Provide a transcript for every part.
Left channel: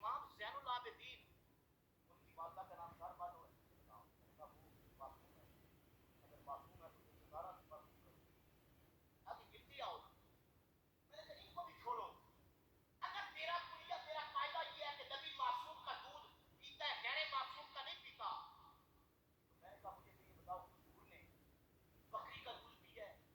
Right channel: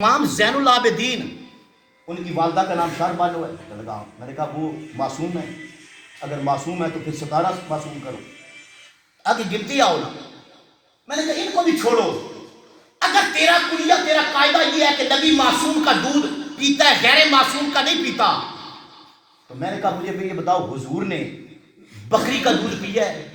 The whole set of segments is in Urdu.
امام زین العابدین ان کی والدہ کا نام شار بانو ہے. میں نے کہا وہ معصوم ہے, اگر معصوم ہے تو پھر 17 معصوم کرو, آگے گنتی آؤ نا. میں نے کہا ان کو بھی چھوڑو, اگر تیرا کلیہ تیرا قاعدہ یہ ہے کہ نبی معصوم کا دودھ پیتا ہے غیر معصوم کا نہیں پیتا, تو میں نے کہا مجھے بھی یہ بتاؤ حضور نے بکری کا دودھ پیا ہے؟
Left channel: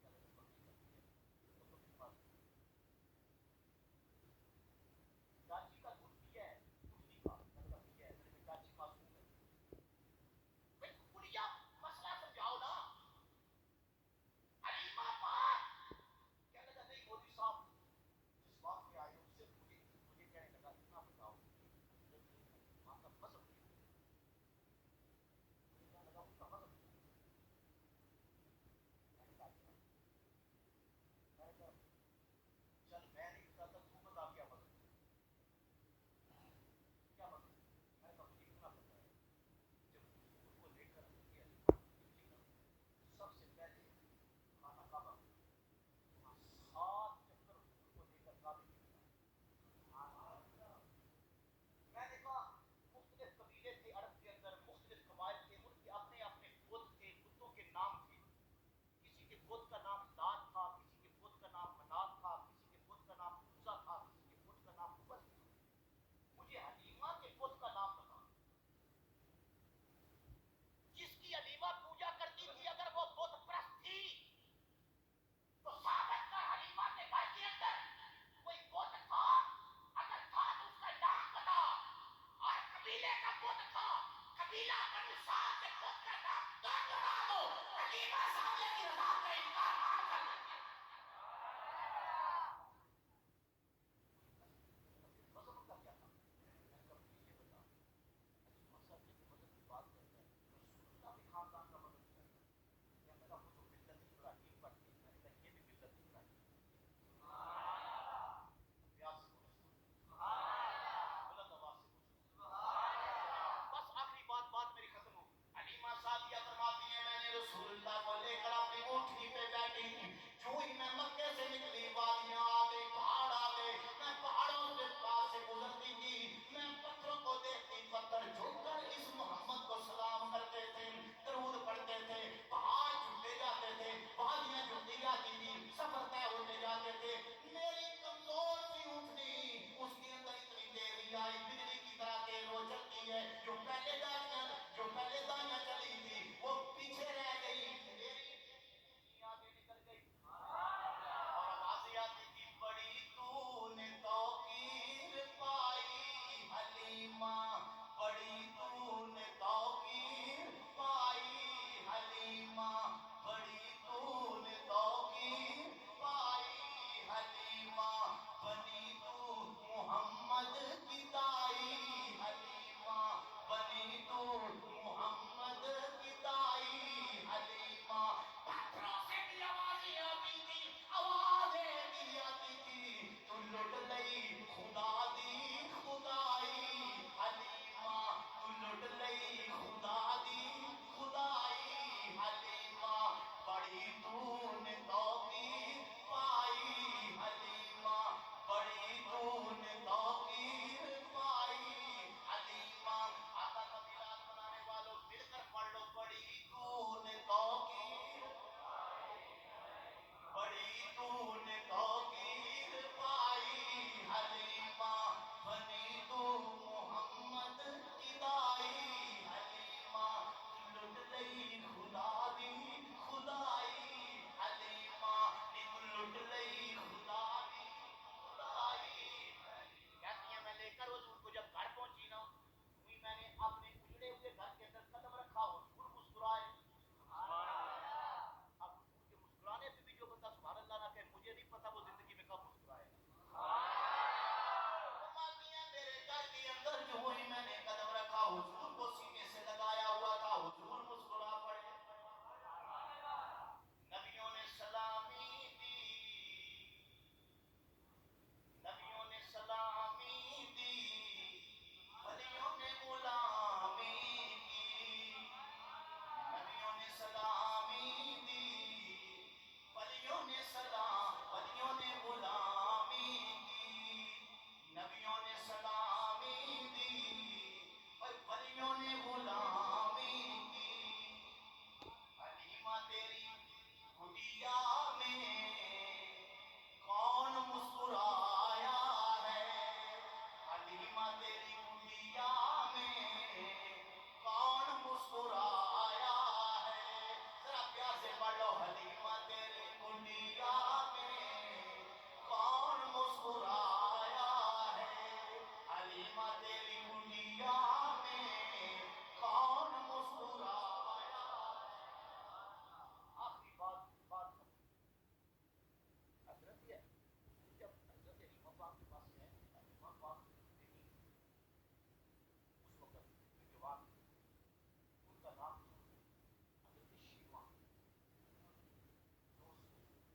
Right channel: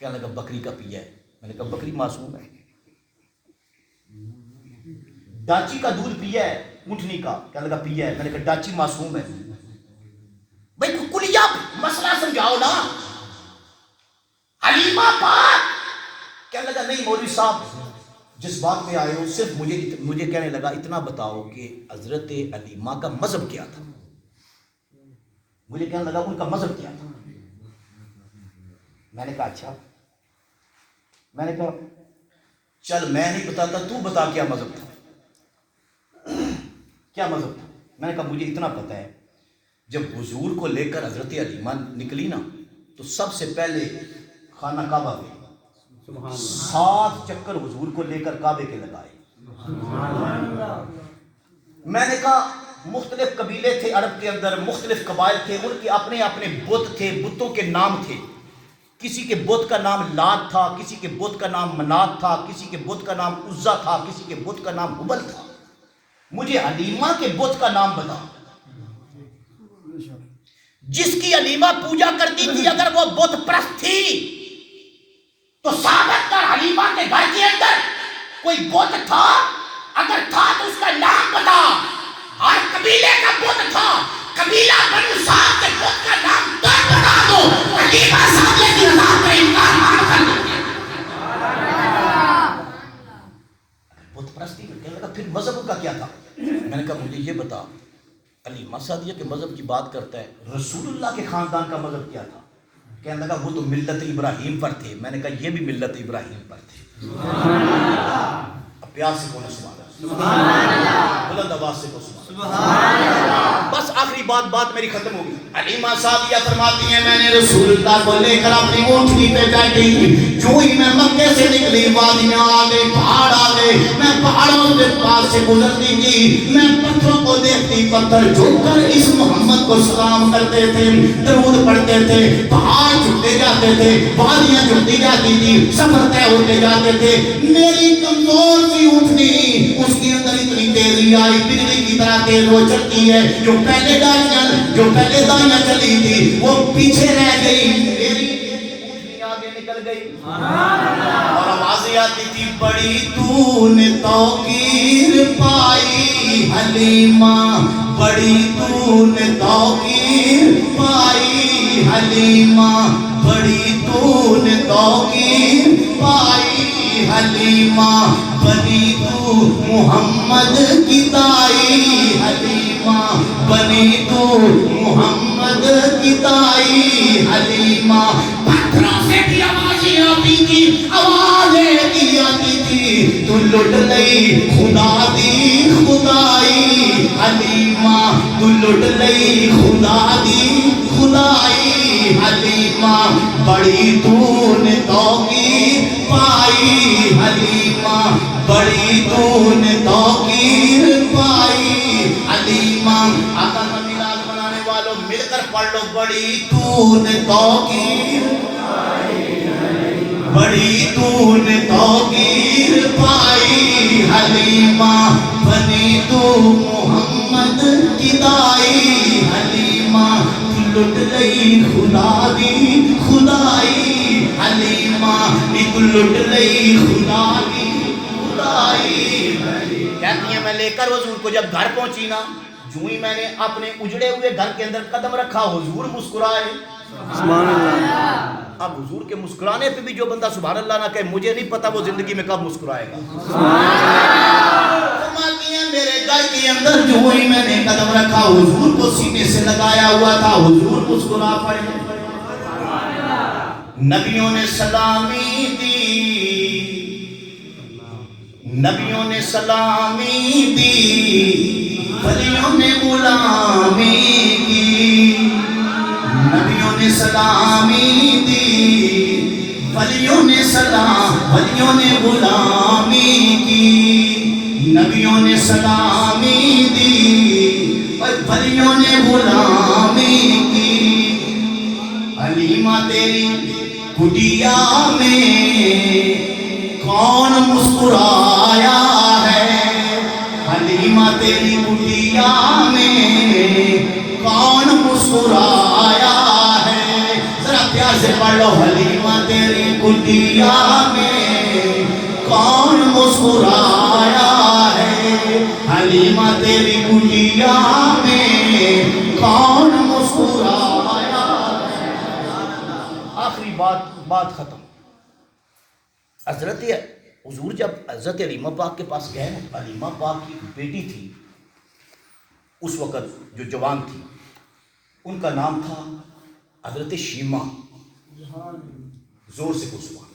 کہنے لگا بکری کا پیا ہے. میں نے کہا بکری معصوم ہے. ڈاچی کا دودھ پیا ہے اونٹنی کا؟ کہنے لگا پیا ہے. میں نے کہا ڈاچی معصوم ہے. بھائی کلیہ مسئلہ سمجھاؤ نا. حلیمہ پاک کہنے لگا نہیں مولوی صاحب جس بات پہ آئے ہو صرف مجھے کہنے لگا اتنا بتاؤ کہ حضرت حلیمہ کا مذہب کیا تھا. مجھے کہنے لگا ان کا مذہب کیا تھا. میں نے کہا اچھا. میں نے کہا چل میں نہیں بتاتا تو بتا کیا مذہب تھا, کیا مذہب تھا. میں نے کہا مجھے اتنا پتہ ہے جب حضور کو لے کر حضرت حلیمہ نکلی نا تو سب سے پہلے خانہ کعبہ گئی, 7 چکر حضور کو لے کر کعبے کے لگائے. میں نے کہا مختلف قبیلے تھے عرب کے اندر, مختلف قبائل تھے, ان کے اپنے اپنے بت تھے, بتوں کے نام تھے. کسی کے بت کا نام لات تھا, کسی کے بت کا نام منات تھا, کسی کے بت کا نام عزا تھا, کسی کے بت کا نام حبل تھا. مجھے حلیمہ کے بت کا نام بتا جس کی حلیمہ پوجا کرتی تھی. اگر وہ بت پرست تھی تو ثابت کر حلیمہ کے گھر کے اندر کوئی بت تھا, اگر تھا تو اس کا نام بتا. اور قبیلے کا بت تھا, قبیلہ بنو سعد کے بت کا نام تو بتا دو. حلیمہ سعدیہ کی رضا کا انکار مان کر دو. بت پرستی کہنے لگا پھر مذہب کا کیا تھا. میں نے کہا مجھے یہ بتا, حلیمہ سعدیہ کے مذہب کی بات کرتا ہے, رسول اللہ کے خاندان کا مذہب کیا تھا. کہنے لگا وہ تو ملت ابراہیم پر تھے. میں نے کہا یہ بھی ملت ابراہیم پر تھے. اب پیار سے بولو سبحان اللہ, بلند آواز سے بولو سبحان اللہ. بس آخری بات میری ختم ہوگی. حلیمہ سعدیہ فرماتی ہیں میں نے رسول اللہ کو لے کر اپنی اونٹنی پہ بیٹھی, جو ہی میں مکے سے نکلی وادیاں آ گئی, پہاڑ آ گئے, میں پہاڑوں کے پاس سے گزرتی تھی, میں پتھروں کو دیکھتی, پتھر جھک کر اس محمد کو سلام کرتے تھے, درود پڑھتے تھے, پہاڑ جھکتے جاتے تھے, وادیاں جھکتی جاتی تھی, سفر طے ہوتے جاتے تھے. میری کمزور سی اونٹنی اس کے اندر اتنی تیزی آئی, بجلی کی طرح تیز وہ چلتی ہے. جو پہلے دائیاں چلی تھی وہ پیچھے رہ گئی, میری اونٹنی آگے نکل گئی. اور آوازیں آتی تھی بڑی تو نے توقیر پائی حلیمہ, بڑی تو نے توقیر پائی حلیمہ, بڑی تو نے توقیر پائی حلیمہ, بنی تو محمد کی تائی حلیمہ, بنی تو محمد کی تائی حلیمہ. پتھروں سے بھی آوازیں آتی تھی, آوازیں کی آتی تھی, تو لٹ لئی خدا دی خدائی حلیمہ, تو لٹ لئی خدا دی خدائی حلیمہ, بڑی تو نے توقیر پائی حلیمہ, بڑی تو نے توقیر پائی حلیمہ. آقا کا میلاد منانے والوں مل کر پڑھ لو بڑی تو نے توقیر پائی حلیمہ, بڑی تو نے توقیر پائی حلیمہ, بنی تو محمد کی دائی حلیمہ, لٹ لئی خدا دی خدائی حلیمہ, ایک لٹ لئی خدا دی خدائی. کہتی ہیں میں لے کر حضور کو جب گھر پہنچی نا, جو ہی میں نے اپنے اجڑے ہوئے گھر کے اندر قدم رکھا حضور مسکرائے. سبحان اللہ. اب حضور کے مسکرانے پہ بھی جو بندہ سبحان اللہ نہ کہے, مجھے نہیں پتا وہ زندگی میں کب مسکرائے گا. فرماتی ہیں میرے گھر کے اندر جو ہی میں نے قدم رکھا حضور کو سینے سے لگایا ہوا تھا, حضور مسکرا پڑے. نبیوں نے سلامی دی, نبیوں نے سلامی دی, ولیوں نے غلامی کی, نبیوں نے سلامی دی, ولیوں نے غلامی کی, نبیوں نے سلامی دی اور ولیوں نے غلامی کی، حلیمہ تیری کٹیا میں کون مسکرایا ہے، حلیمہ تیری کٹیا میں کون مسکرایا ہے، ذرا پیار سے پڑھ لو، حلیمہ تیری کٹیا میں کون مسکرایا ہے، حلیمہ تیری کٹیا میں کون مسکرایا ہے۔ آخری بات ختم۔ حضرت حضور جب حضرت حلیمہ پاک کے پاس گئے، حلیمہ پاک کی بیٹی تھی اس وقت جو جوان تھی، ان کا نام تھا حضرت شیمہ۔ زور سے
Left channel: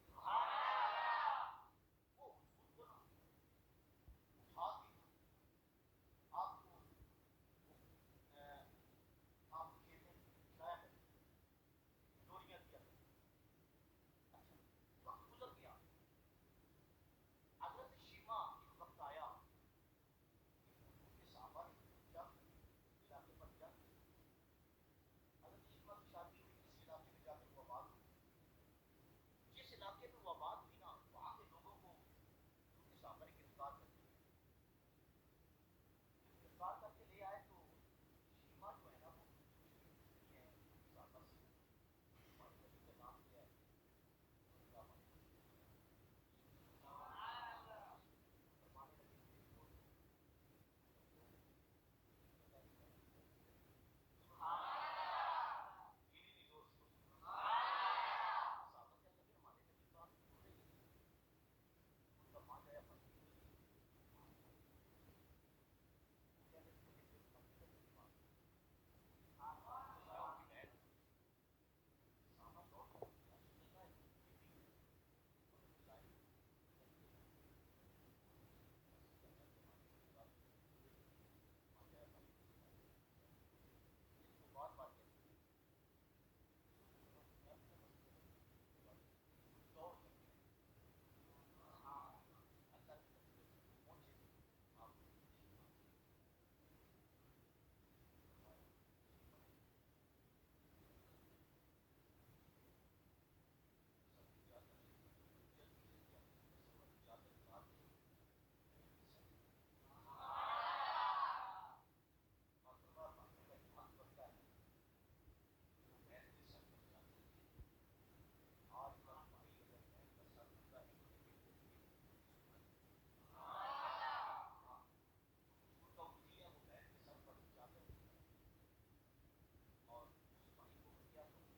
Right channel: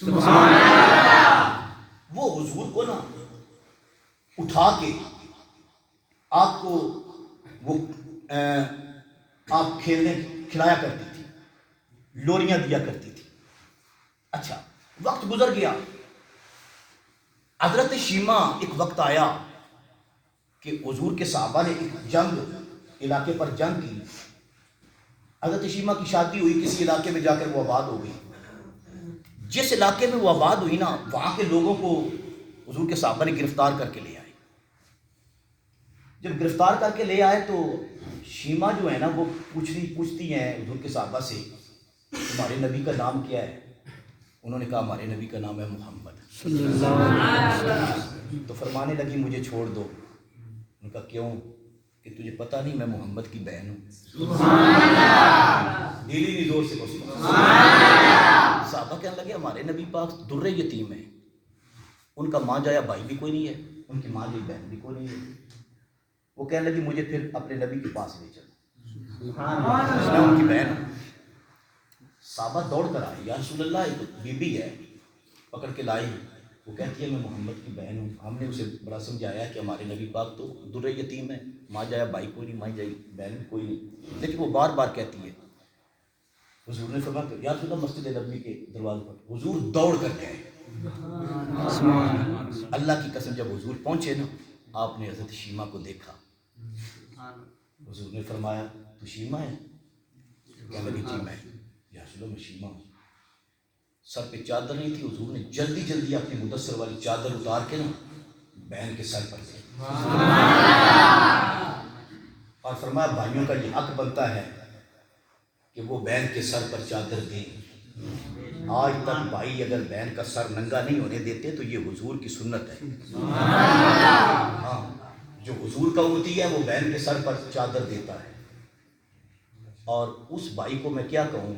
سبحان اللہ۔ وہ حضور کو نا اٹھا کے آپ کو وہ آپ کھلایا کرتی تھی، لوریاں دیا کرتی تھی۔ اچھا، وقت گزر گیا، حضرت شیمہ ایک وقت آیا کہ حضور کے صحابہ نے ایک جنگ علاقے پر جنگ کی، حضرت شیمہ کی شادی ہوئی، کسی علاقے میں جا کر وہ آباد ہو گئی۔ جس علاقے میں وہ آباد ہوئی نا، وہاں کے لوگوں کو حضور کے صحابہ نے گرفتار کر کے لے آئے۔ جب گرفتار کر کے لے آئے تو شیمہ جو ہے نا وہ پوچھتی ہیں حضور کے صحابہ سے، تمہارے نبی کا نام کیا ہے؟ انہوں نے کہا ہمارے نبی کا نام ہے محمد صلی اللہ علیہ وسلم۔ تو فرمانے لگی مجھے چھوڑ دو۔ انہوں نے کہا کیوں؟ کہ تجھے پتہ نہیں میں محمد کی بہن ہوں؟ سبحان اللہ۔ دلی نہیں، زور سے بولو سبحان اللہ۔ صحابہ کہنے لگے ہمارے نبی پاک در یتیم ہیں، ان کا ماں جایا بھائی بھی کوئی نہیں ہے، ان کی ماں جائی بہن بھی کوئی نہیں ہے۔ وہ کہنے لگی مجھے پھر اپنے نبی کے پاس لے چلو، میں ان کی بہن ہوں۔ صحابہ دوڑ کر آئی، یا رسول اللہ ایک بی بی ہے، پکڑ کے لائی، وہ کہتی ہے میں محمد کی بہن ہوں۔ ہم نے اسے بڑا سمجھایا کہ ہمارے نبی پاک تو در یتیم ہے، ماں جایا بھائی کوئی نہیں، ماں جائی بہن کوئی نہیں، لیکن وہ بار بار کہتی ہے۔ حضور نے فرمایا کہ یا رسول اللہ مسجد نبوی کے دروازے پر، حضور دوڑ کر گئے۔ اللہ کی قسم جب حضور پہنچے نا، آپ نے حضرت شیمہ کو دیکھا، حضور نے فرمایا تو شیمہ ہے؟ کہنے لگی جی میں، یا رسول اللہ میں شیمہ ہوں۔ سر پہ چادر نہیں تھی، حضور نے جلدی جلدی اپنی مدثر والی چادر اتار کے نا بہن کے سر پر دی، اور فرمایا بھائیوں کا یہ حق بنتا ہے کہ وہ بہن کے سر پر چادر دیں۔ آج تک بھائی اگر بہن کا سر ننگا نہیں ہونے دیتے تو یہ حضور کی سنت ہے۔ ہاں، جو حضور کا امتی ہے وہ بہن کے سر پر چادر دیتا ہے۔ اور اس بھائی کو میں کیا کہوں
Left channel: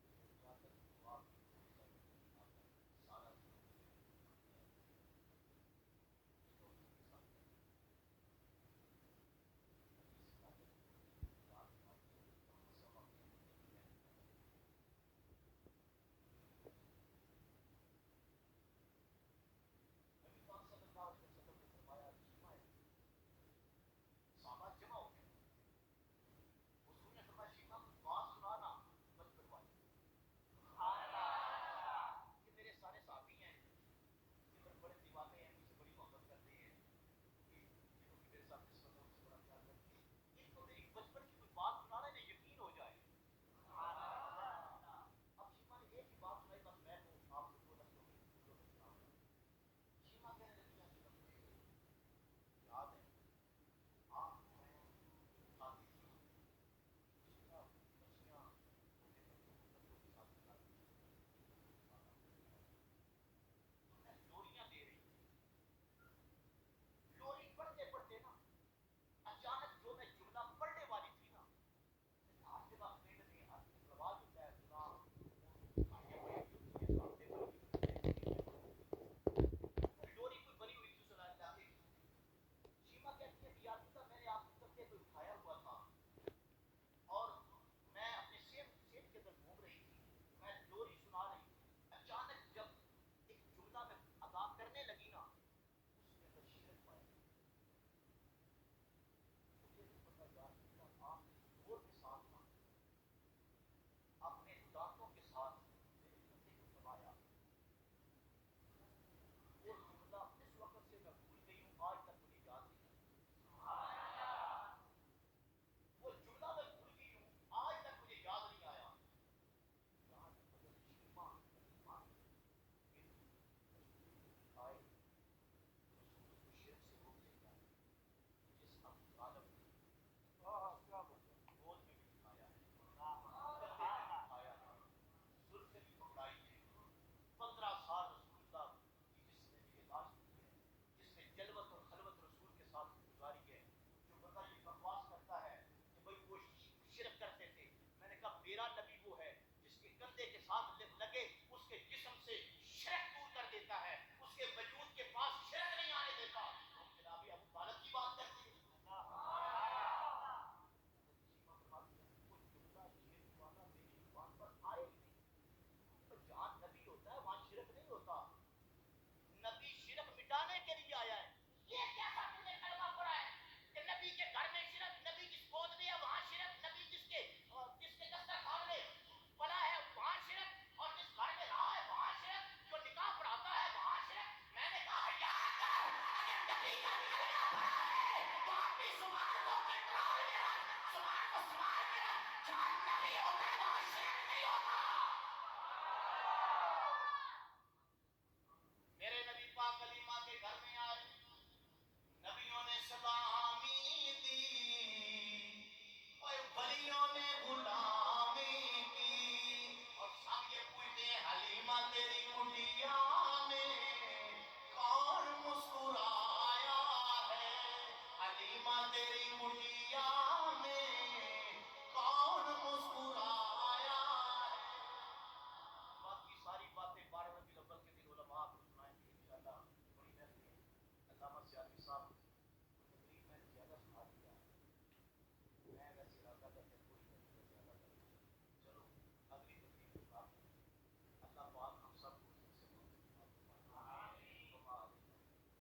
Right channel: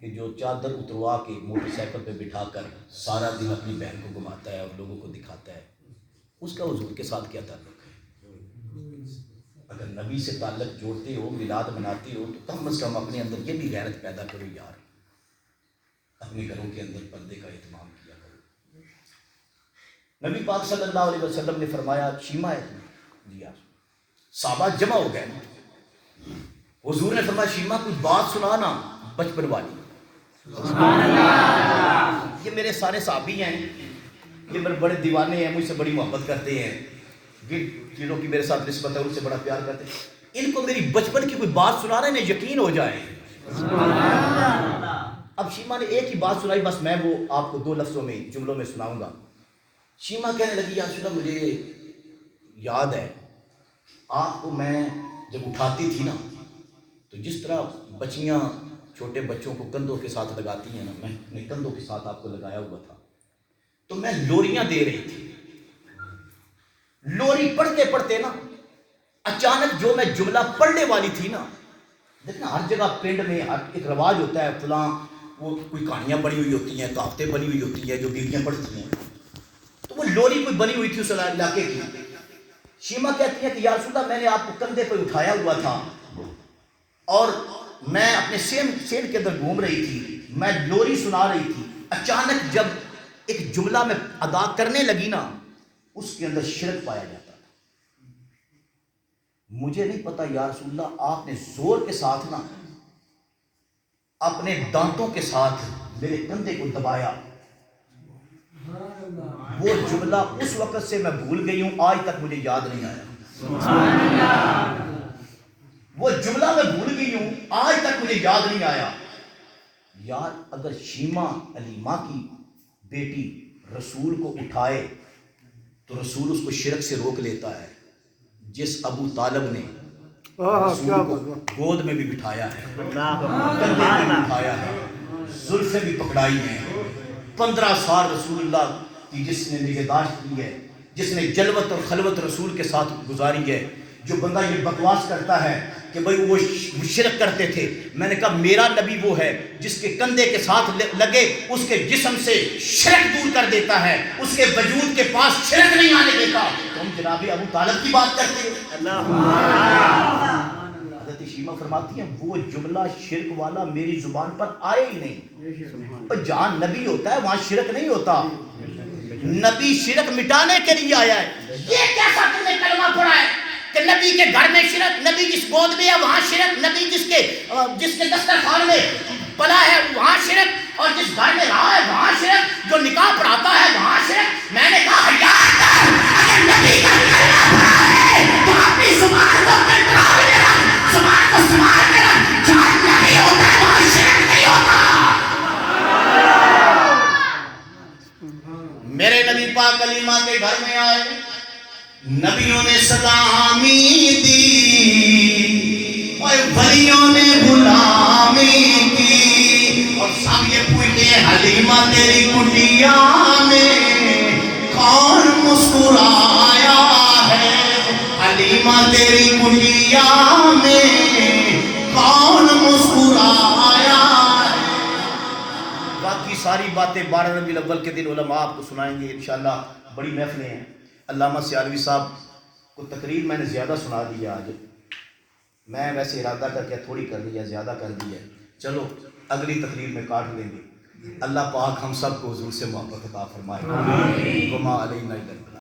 کہ جو چادر اتروا کے موٹر سائیکل پہ بٹھا کر سارا دن اپنی بہن کو گھماتا ہے اور لوگوں کو دکھاتا ہے، اس کا حضور کے ساتھ کیا تعلق ہے؟ اگر نبی سے تعلق جوڑتے ہو، میلاد مناتے ہو، تو کم از کم اپنے اندر یہ بھی غیرت پیدا کرو یار، اپنے گھروں کے اندر پردے کا اہتمام کیا کرو۔ نبی پاک صلی اللہ علیہ وسلم نے فرمایا شیمہ ہے؟ جی آپ۔ صحابہ جمع ہو گئے، حضور نے فرمایا شیمہ کچھ بات سنا نا بچپن والی۔ سبحان اللہ۔ یہ میرے سارے صحابی ہیں، یہ میرے بڑے دیوانے ہیں، مجھ سے بڑی محبت کرتے ہیں، جن چیزوں کی میرے ساتھ نسبت ہے ان سے بڑا پیار کرتے ہیں، ان کو میری بچپن کی کوئی بات سنا رہے ہیں یقین ہو جائے۔ اب شیمہ نے ایک ہی بات سنائی، بس میں وہ آپ کو 2 لفظوں میں جملوں میں سناؤں گا۔ شیمہ کہنے لگی یا رسول اللہ مجھے یاد ہے آپ کو میں جب اٹھاتی تھی نا تو جس طرح بچیاں چھوٹے بچوں کو کندھوں کے ساتھ لگاتی ہیں نا، میں اپنے کندھوں کے ساتھ آپ کو لگایا ہوا تھا، تو میں لوریاں دے رہی تھی۔ لوری پڑھتے پڑھتے نا اچانک جو میں جملہ پڑھنے والی تھی نا، دیکھنا ہر جگہ پنڈ میں ہر ایک رواج ہوتا ہے، فلاں وہ کوئی کہانیاں بنی ہوئی ہوتی ہیں، کہاوتیں بنی ہوئی ہوتی ہیں جو بیویاں پڑھتی ہیں، تو وہ لوری کوئی بنی ہوئی تھی اس علاقے کی۔ شیمہ کہتی ہے کہ یا رسول اللہ میں نے آپ کو کندھے پہ اٹھایا ہوا تھا اور میں اپنے سین کے اندر گھوم رہی تھی، میں لوری سنا رہی تھی، اچانک جب ایک جملہ میں ادا کرنے لگی نا اس کے اندر شرک پایا جاتا تھا۔ مجھے نہیں پتا یا رسول اللہ آپ نے زور کے ساتھ نا اپنے دانتوں کے ساتھ میرے کندھے کو دبایا، وہ جملہ اس وقت سے میں بھول گئی ہوں، آج تک مجھے یاد نہیں آیا۔ وہ جملہ میں بھول گئی ہوں، آج تک مجھے یاد نہیں آیا۔ یار اگر شیمہ علیمہ کی بیٹی رسول کو اٹھائے تو رسول اس کو شرک سے روک لیتا ہے۔ جس ابو طالب نے رسول کو گود میں بھی بٹھایا ہے، کندھے میں بھی بٹھایا ہے، زلفیں بھی پکڑائی ہیں، 15 سال رسول اللہ کی جس نے نگہداشت کی ہے، جس نے جلوت اور خلوت رسول کے ساتھ گزاری ہے، جو بندہ یہ بکواس کرتا ہے کہ بھئی وہ شرک کرتے تھے، میں نے کہا میرا نبی وہ ہے جس کے کندھے کے ساتھ لگے اس کے جسم سے شرک دور کر دیتا ہے، اس کے وجود کے پاس شرک نہیں آنے دیتا۔ تم جناب ابو طالب کی بات کرتے ہو۔ حضرت شیمہ فرماتی ہیں وہ جملہ شرک والا میری زبان پر آئے ہی نہیں۔ جہاں نبی ہوتا ہے وہاں شرک نہیں ہوتا، نبی شرک مٹانے کے لیے آیا ہے۔ یہ کیسا تم نے کلمہ پڑھا ہے کہ نبی کے گھر میں شرک، نبی جس گود میں ہے وہاں شرک، نبی جس کے دسترخوان میں پلا ہے وہاں شرک، اور جس گھر میں رہا ہے وہاں شرک، جو نکاح پڑھاتا ہے وہاں شرک۔ میں نے کہا اگر نبی کا کلمہ پڑھا ہے تو اپنی زبان کو کنٹرول میں رکھ، زبان کو سنبھال کے رکھ، جہاں نبی ہوتا ہے وہاں شرک نہیں ہوتا۔ میرے نبی پاک علیمہ کے گھر میں آئے، نبیوں نے سلامی دی اور ولیوں نے غلامی کی، اور سب یہ پوچھتے حلیمہ تیری کٹیا میں کون مسکرایا ہے، حلیمہ تیری کٹیا میں کون مسکرایا ہے۔ باقی ساری باتیں 12 ربیع الاول کے دن علماء آپ کو سنائیں گے انشاءاللہ، بڑی محفلیں ہیں۔ علامہ سیالوی صاحب کو تقریر میں نے زیادہ سنا دیا آج، میں ویسے ارادہ کر کے تھوڑی کر دیا، زیادہ کر دیا، چلو اگلی تقریر میں کاٹ لیں گے۔ اللہ پاک ہم سب کو حضور سے محبت عطا فرمائے۔ وما علینا الا البلاغ۔